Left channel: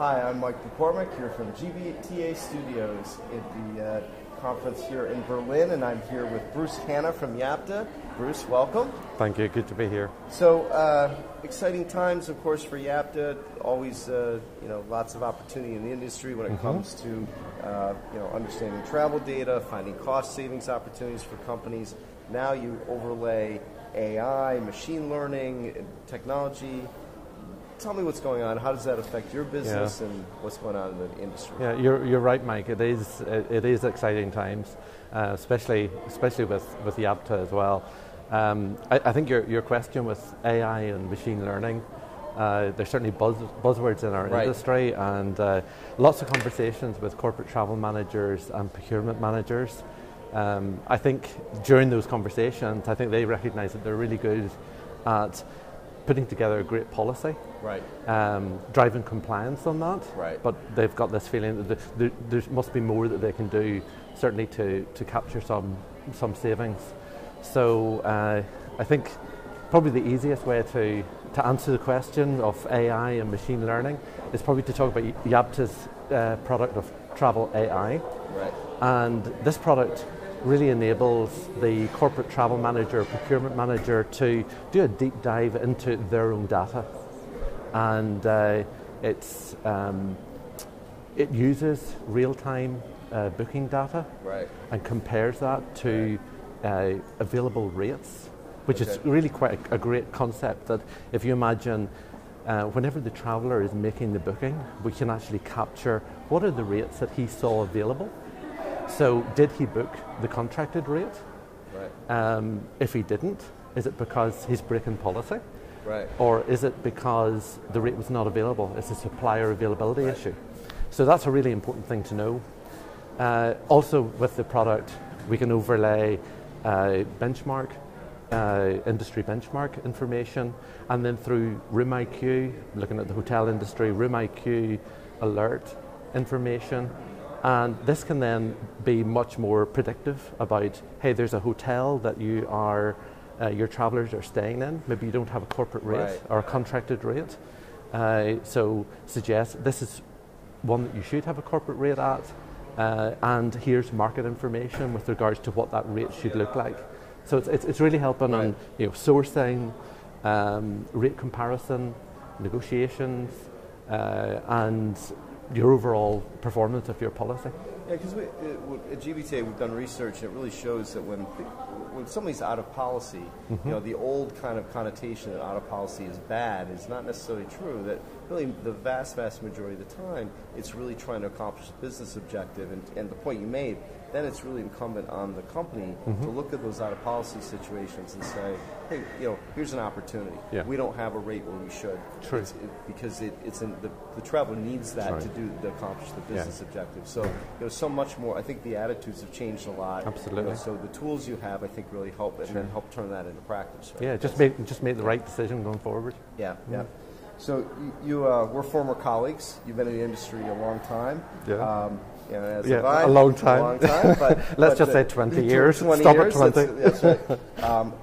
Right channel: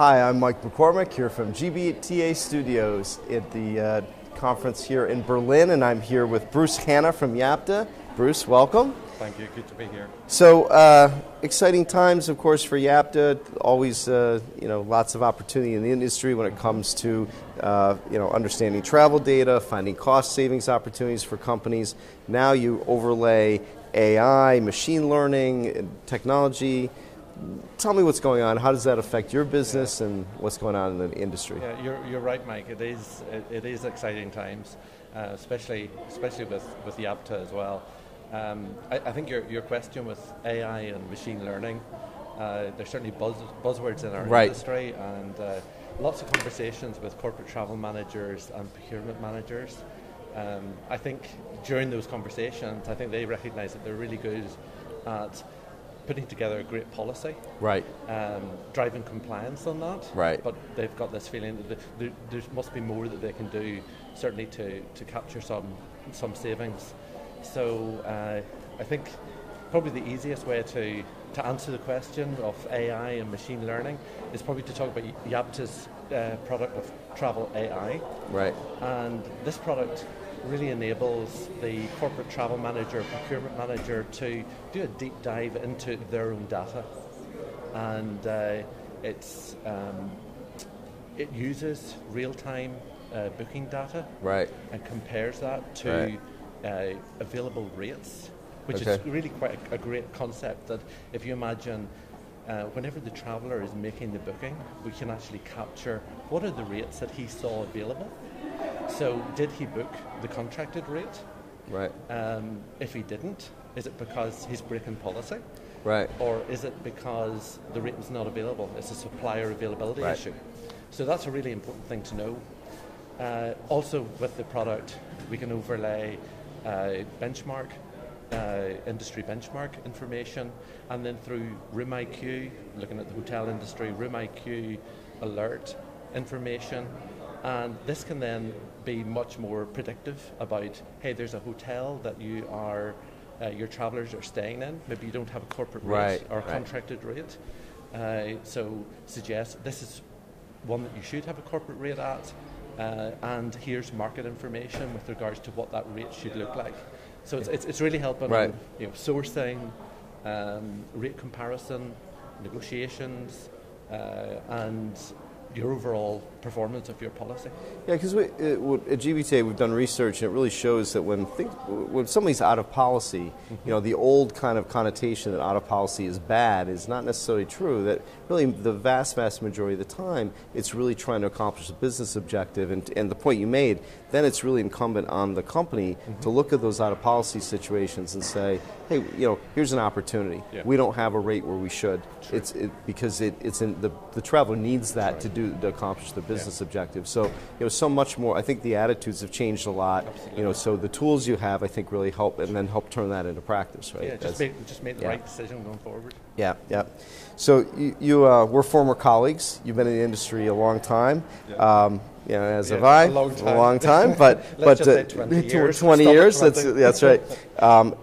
Hi, I'm Mike McCormick here from GBTA Studios at the conference here in Berlin, and I'm here with Bruce Hanna from Yapta. Bruce, welcome. Thank you, good to be here. So, exciting times, of course, for Yapta. Always, lots of opportunity in the industry when it comes to, understanding travel data, finding cost savings opportunities for companies. Now you overlay AI, machine learning, technology. Tell me what's going on. How does that affect your business and what's going on in the industry? Yeah, you're right, Mike. It is exciting times, especially with Yapta as well. I think your question with AI and machine learning, there's certainly buzzwords in our industry, and lots of conversations with corporate travel managers and procurement managers. I think during those conversations, I think they recognise that they're really good at putting together a great policy, driving compliance on that, but they've got this feeling that there must be more that they can do, certainly to capture some savings. So I think probably the easiest way to answer the question of AI and machine learning is probably to talk about Yapta's product of Travel AI. And this product really enables the corporate travel manager, procurement manager to do a deep dive into their own data. And it uses real-time booking data and compares that to available rates, which is really quite a great concept. That if you imagine whenever the traveller is making the booking, we can actually capture what are the rates that he saw available. So did he book the contracted rate? If he didn't, is it because he's breaking policy? Or is it because the rate was not available? It's a supplier availability issue. So that's a really important thing to know. Also with the product, we can overlay benchmark, industry benchmark information, and then through Room IQ, looking at the hotel industry, Room IQ alert information. And this can then be much more predictive about, hey, there's a hotel that your travelers are staying in. Maybe you don't have a corporate rate or a contracted rate. So suggest this is one that you should have a corporate rate at. And here's market information with regards to what that rate should look like. So it's really helping on sourcing, rate comparison, negotiations, and your overall performance of your policy. Yeah, because at GBTA we've done research, and it really shows that when somebody's out of policy, the old kind of connotation that out of policy is bad is not necessarily true. That really the vast majority of the time, it's really trying to accomplish a business objective. And the point you made, then it's really incumbent on the company to look at those out of policy situations and say, hey, here's an opportunity. We don't have a rate where we should. Because it's in the traveler needs that to accomplish the business objective. So so much more. I think the attitudes have changed a lot. Absolutely. So the tools you have, I think, really help, and then help turn that into practice. Yeah, just make the right decision going forward. Yeah. So we're former colleagues. You've been in the industry a long time. As have I. A long time. But let's just say 20 years. 20 years. That's right.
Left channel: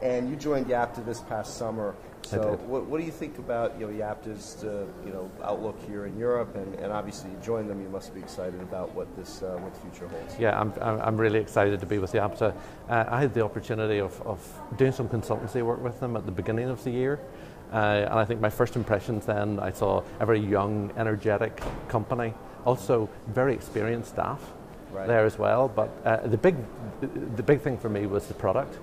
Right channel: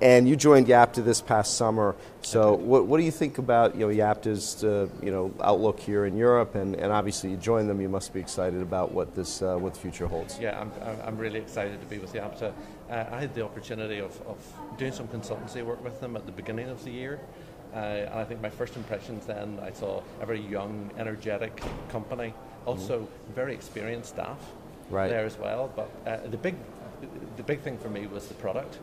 And you joined Yapta this past summer. So what do you think about Yapta's outlook here in Europe? And obviously you joined them. You must be excited about what the future holds. Yeah, I'm really excited to be with Yapta. I had the opportunity of doing some consultancy work with them at the beginning of the year. And I think my first impressions then, I saw a very young, energetic company. Also, very experienced staff there as well. But the big thing for me was the product,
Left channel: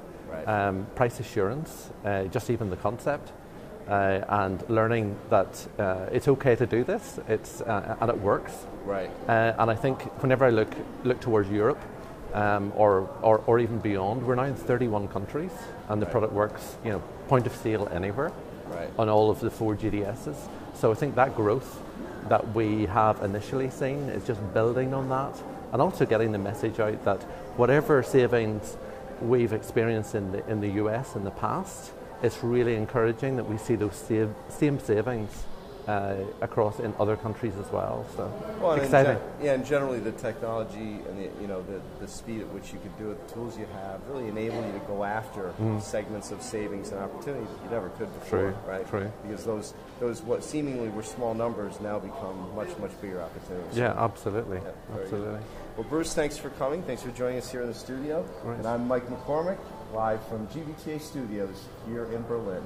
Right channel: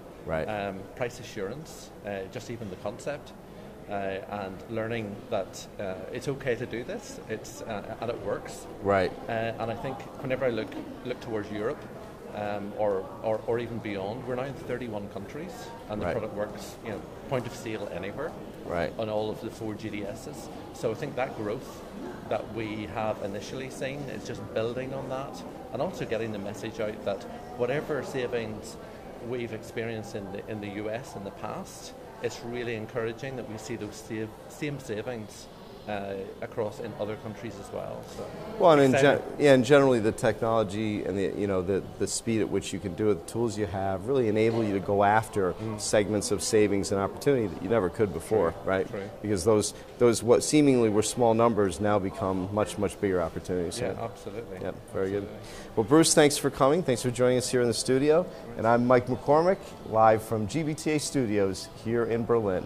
price assurance, just even the concept, and learning that it's okay to do this. And it works. And I think whenever I look towards Europe, or even beyond, we're now in 31 countries, and the product works, point of sale anywhere, on all of the 4 GDSs. So I think that growth that we have initially seen is just building on that, and also getting the message out that whatever savings we've experienced in the US in the past, it's really encouraging that we see those same savings across in other countries as well. So, well, and generally the technology and the speed at which you can do it, the tools you have, really enable you to go after segments of savings and opportunity that you never could before, right? True. Because those what seemingly were small numbers now become much bigger opportunities. Yeah, absolutely. Yeah, very good. Well, Bruce, thanks for coming. Thanks for joining us here in the studio. Right. And I'm Mike McCormick, live from GBTA Studios here in Berlin.